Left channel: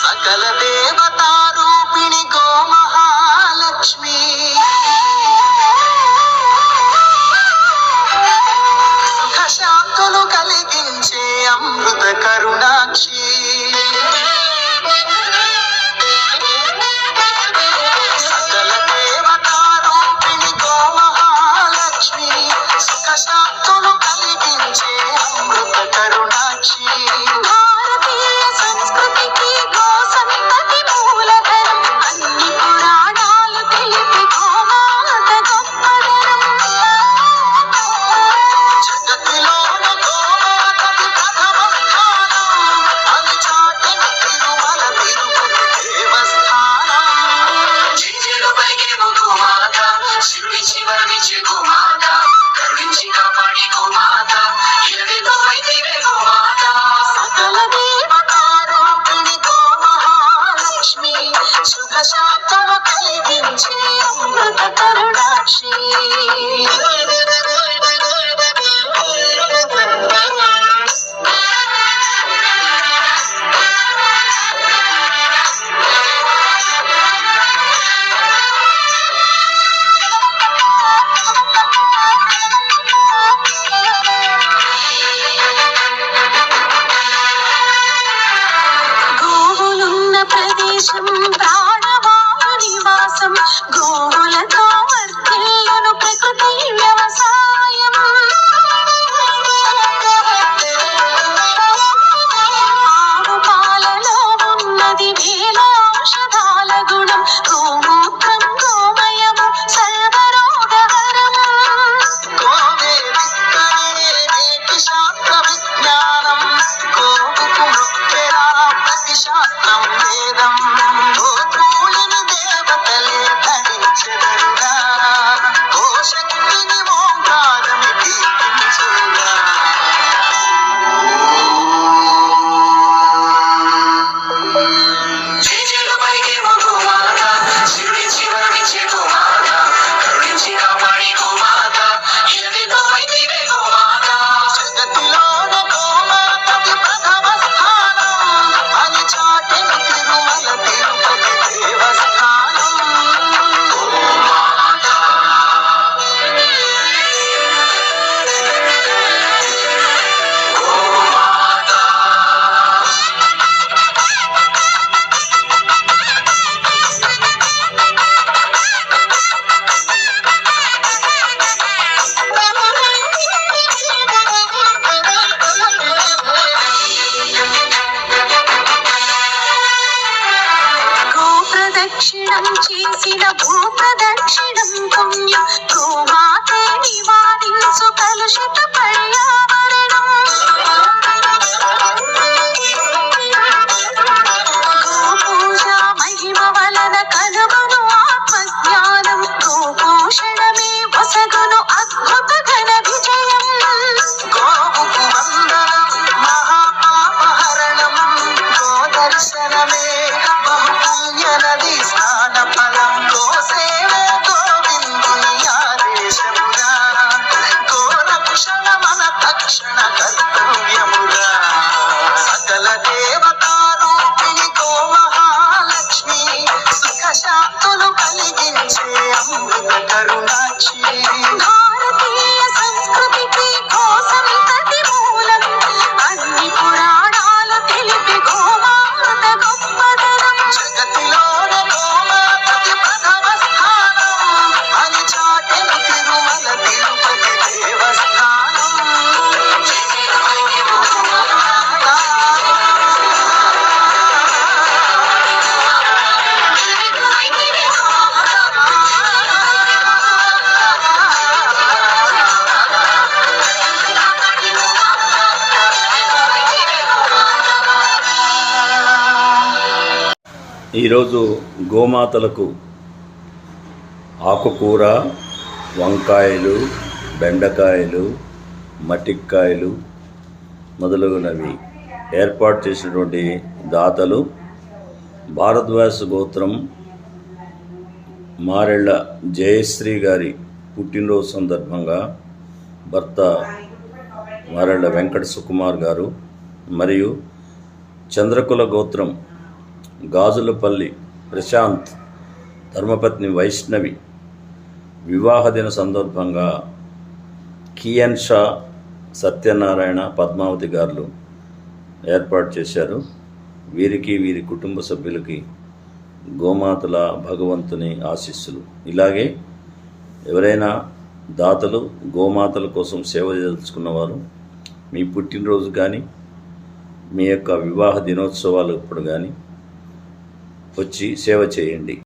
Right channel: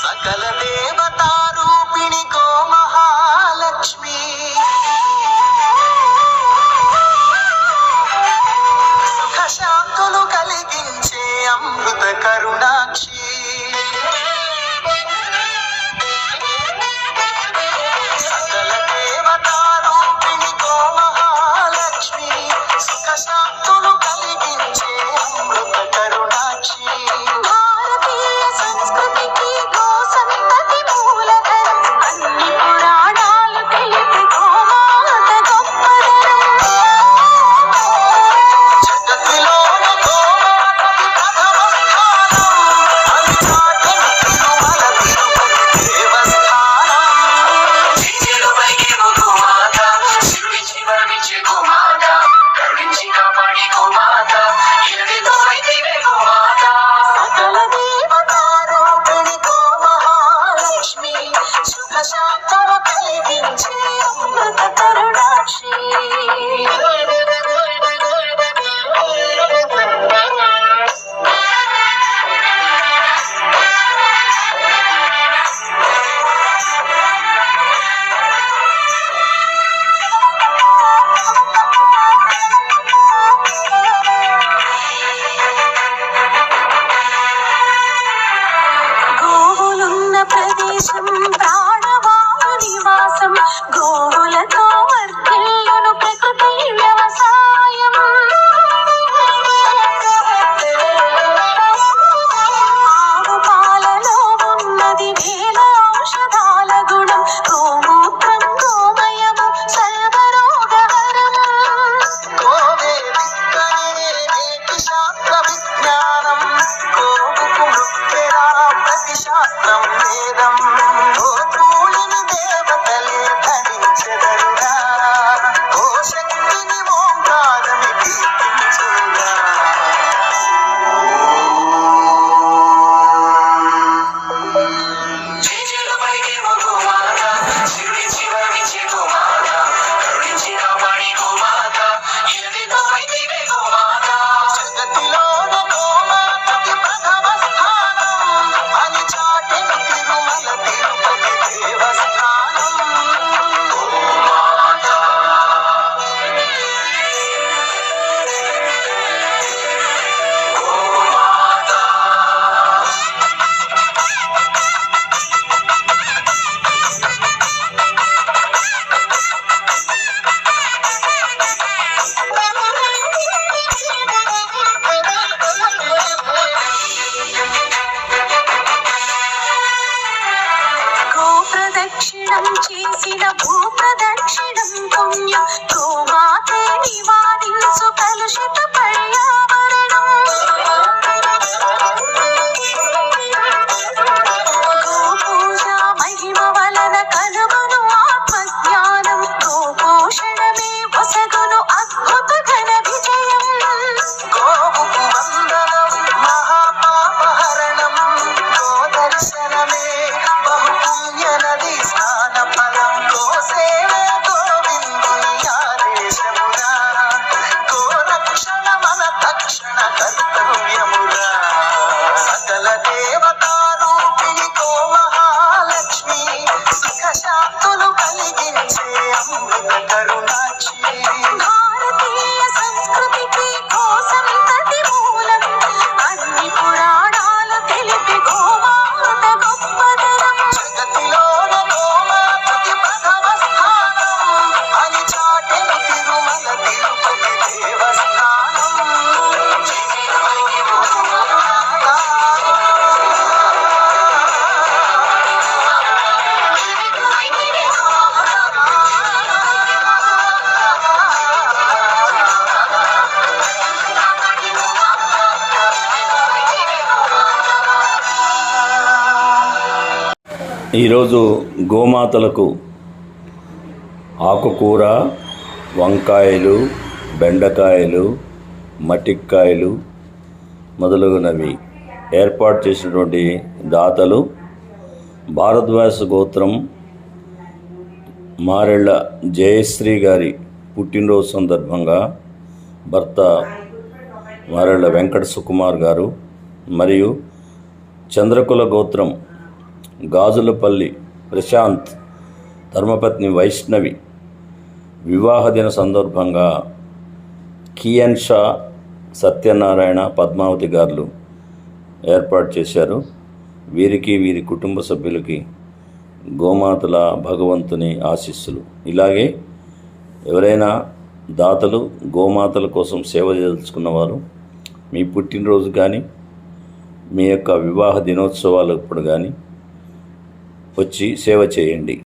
సకల దేవతారూపిణి గో మహాలక్ష్మి, సుఖశాంతులు కలిగించే అమృత కరుణాక్షి, సకల దేవతారూపిణి గో మహాలక్ష్మి, సుఖశాంతులు కలిగించే అమృత కరుణాక్షి. భారతీయ సంస్కృతికి గో సంతతి మూలధరం, అన్ని పురాణాలు తెలిపి గోమాత గొప్పదనం. జగతిలోన గోమాతకి ప్రథమ స్థానం, అది చాటిన తిరుమల తిరుపతి దేవస్థానం. జింజేడుపైకేమో గోమాత, శివుడి శివడిచే గోమాత, కరుణించి కాపాడి గోమాత, ఎడెతో వైదిరే గోమాత. సకల దేవతారూపిణి గో మహాలక్ష్మి, సుఖశాంతులు కలిగించే అమృత కరుణాక్షి. గోవులున్న ప్రదేశం ప్రాణవాయు నివాసం, గోవులతో వర్ధిల్లును ప్రకృతి వ్యవసాయం. ఆవు పాలలో ఉన్నది వేల ఔషధాల గుణం, గోమూత్రం గోమయము సర్వరోగహరం. గోవే విత్తనే నేటి శాస్త్ర విజ్ఞానం, గోవుకు మృత్యురా ప్రతి శాస్త్రం వేదం. గోకూలిని దేవతలే ధరించెదరుగా, గో శక్తిని ఓంకారమి కీర్తించుగా. జింజేడుపైకేమో గోమాత, శివుడి శివడిచే గోమాత, కరుణించి కాపాడి గోమాత, ఎడెతో వైదిరే గోమాత. జగతిలోన గోమాతకి ప్రథమ స్థానం, అని చాటిన తిరుమల తిరుపతి దేవస్థానం. గోమాత గో ప్రదక్షిణం చేసిన భూ ప్రదక్షిణం పుణ్యం, గోమాతే నివారించు కలుషిత పర్యావరణం. గో పూజ మహిమ వలన కలుగును ఆత్మజ్ఞానం, గో పోషణమే వసగును అద్భుత ఘన విజయం. గోవుకు వందనం మహాపాపహరణం, గోదర్శనమే బహుపుణ్య నది స్నాన ఫలం. గోసేవే గోవిందుని ఆదేశముగా, గోరక్షణ మన తక్షణ కర్తవ్యముగా. సకల దేవతారూపిణి గో మహాలక్ష్మి, సుఖశాంతులు కలిగించే అమృత కరుణాక్షి. భారతీయ సంస్కృతికి గో సంతతి మూలం, అన్ని పురాణాలు తెలిపి గోమాత గొప్పదనం. జగతిలోన గోమాతకి ప్రథమ స్థానం, అని చాటిన తిరుమల తిరుపతి దేవస్థానం. ఈరోజు గోమాతలకు ఆకుకూర, వంకాయలు, బెండకాయలు, మటిక్కాయలు మొదలగునవి ఏర్పాటు చేసినటువంటి దాతలు భారద్వాజ గోత్రం మారెళ్ళ జయశ్రీ గారి పుట్టినరోజు సందర్భంగా భర్త వారెళ్ళ వెంకట సుకుమార్ గారు మరియు చంద్రకుల గోత్రం గాజులపల్లి ప్రశాంత్ ధర్మపత్ని వైష్ణవి వివాహ దిన సందర్భంగా కియన్ షా సత్యనారాయణ పద్మావతి గారు ఏర్పాటు చేశారు. వీరికి వీరి కుటుంబ సభ్యులకి గోమాతల భగవంతుని ఆశీస్సులు. ఇలాగే ఎవరైనా దాతలు గోమాతల కోసం సేవ చేయదలుచుకున్నవారు మీ పుట్టినరోజు కానీ మీ యొక్క వివాహ దినోత్సవాలప్పుడు కానీ వచ్చి సేవ చేయండి.